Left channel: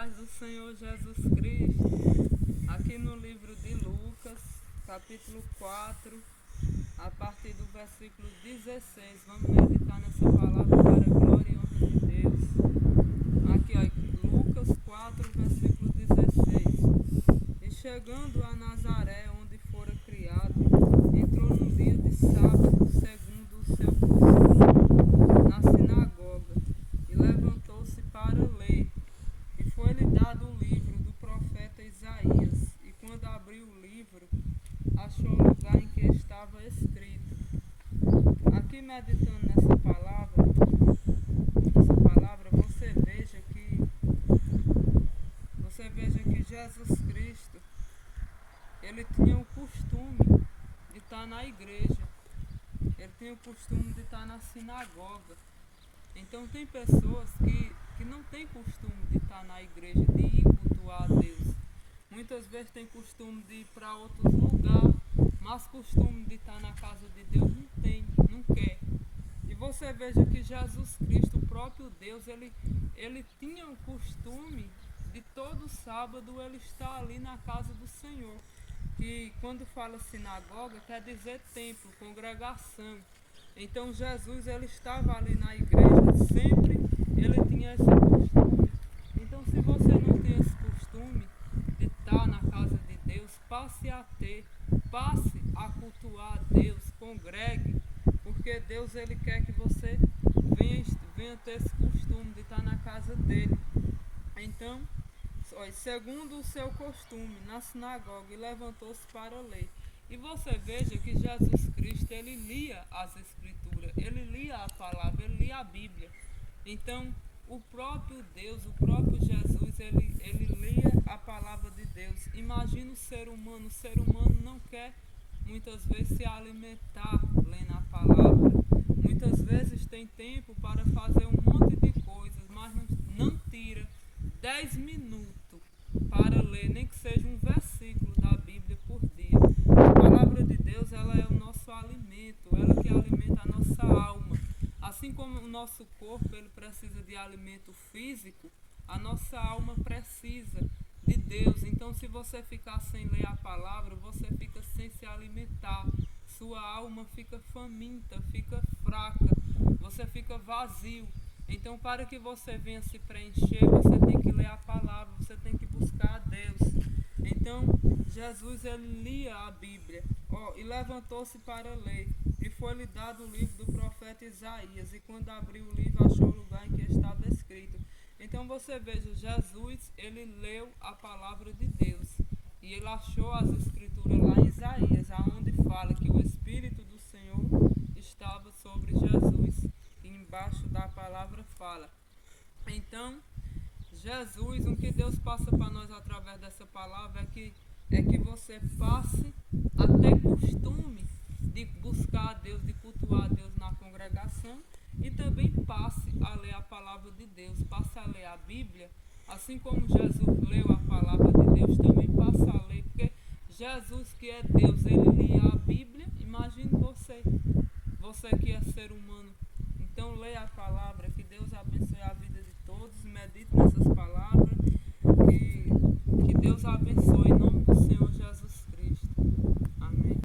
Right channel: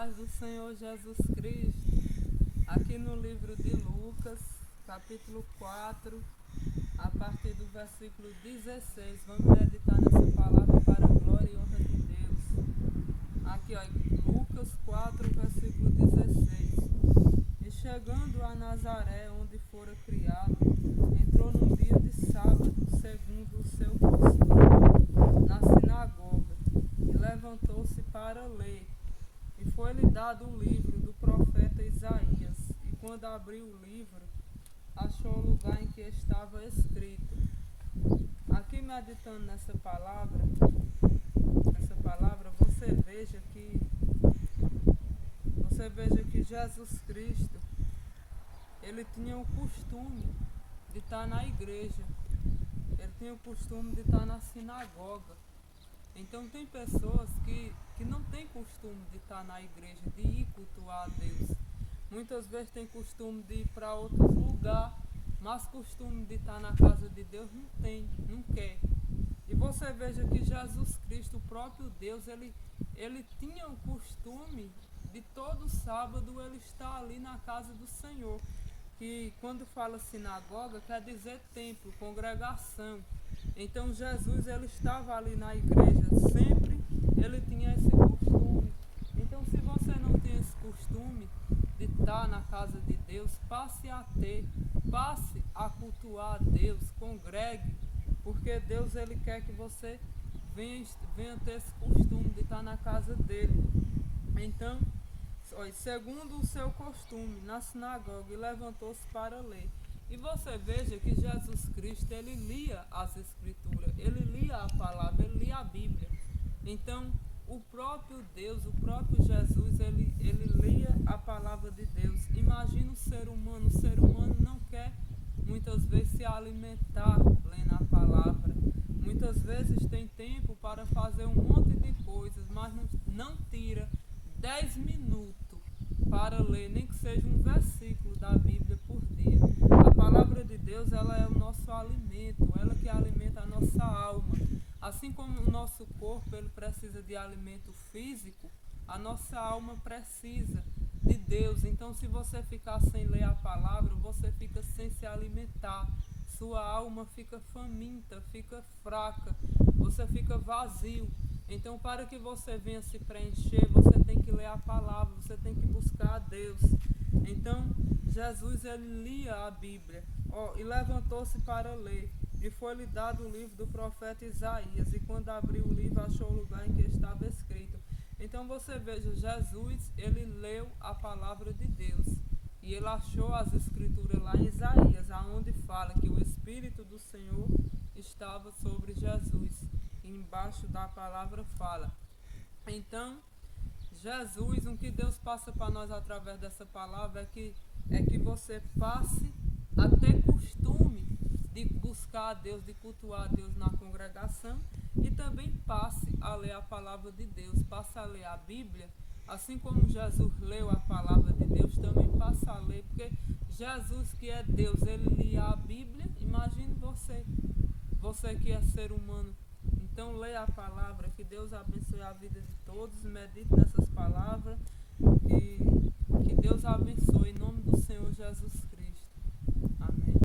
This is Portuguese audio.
paz do Senhor Jesus Cristo. Aqui no livro de Lucas, capítulo 4, a partir do versículo 16, vamos meditar nessa palavra para a glória e honra de Deus. Aqui, ó, Lucas 4, versículo 16. E chegando a Nazaré, onde fora criado, entrou no dia de sábado, segundo o seu costume, na sinagoga, e levantou-se para ler. E foi-lhe dado o livro do profeta Isaías, e quando abriu o livro, achou o lugar em que estava escrito. Aqui meditando nessa palavra, você veja que Jesus Cristo, ele tinha o costume de estar na igreja, ele tinha o costume de estar na sinagoga. Então tem pessoas que não têm costume de estar na igreja, de ir cultuar a Deus. Muitas vezes tem costume de ir para outros lugares, mas costume de estar na casa de Deus não tem, não quer. E você veja que Jesus Cristo, o próprio Deus, ele tinha o costume de todo sábado ele estar ali na casa do Senhor. Que quando fala sinagoga, quer dizer templo, congregação. Então Jesus ele estava ali na igreja sempre, ele tinha esse costume. Então se você não tem esse costume de estar na casa de Deus, passe a cultuar a Deus, congregue, porque Deus ele quer que você venha ter esse costume de estar na casa dele. Então, segundo o seu costume, na sinagoga, e levantou-se para ler. E você veja que Jesus Cristo, ele lia as Escrituras, ele lia a palavra, ele lia a Bíblia. Então, o próprio Deus, o próprio Jesus, ele lia a palavra de Deus. Imagina o ser humano não quer muitas vezes se alimentar lendo a palavra. Muitas vezes tem tempo para fazer um monte de coisas, mas não tira 10 minutos para ler, nem que seja um versículo da Bíblia por dia. A palavra de Deus, ela é o nosso alimento, ela que alimenta a nossa alma. Assim como o nosso corpo ele precisa de alimento físico, a nossa alma precisa de Deus. Então, se você ficar sem ler a palavra, você fica sem se alimentar. Sua alma fica faminta, fica fraca, você fica vazio. Então, para que você venha se preencher, você tem que ler a palavra, você tem que buscar a Deus. Então, Jesus ele lia a Bíblia, e levantou-se para ler. E foi-lhe dado o livro do profeta Isaías. E quando abriu o livro, achou o lugar em que estava escrito. Então, você veja, Jesus ele leu a palavra de Deus. E ele achou as escrituras lá em Isaías, aonde fala que o Espírito do Senhor estava sobre Jesus. Embaixo da palavra fala. Então, Jesus, o que Deus passa para nós através dessa palavra é que você passe a ter costume de buscar a Deus, de cultuar a Deus na congregação, e também passe a ler a palavra de Deus, passe a ler a Bíblia, assim como Jesus leu a palavra de Deus, também passa a ler, porque Jesus que é Deus, ele lia a Bíblia. Imagine você que é ser humano. Então leia a palavra, que Deus abençoe a vida de todos, medite nessas palavras, que Deus abençoe em nome do Senhor Jesus.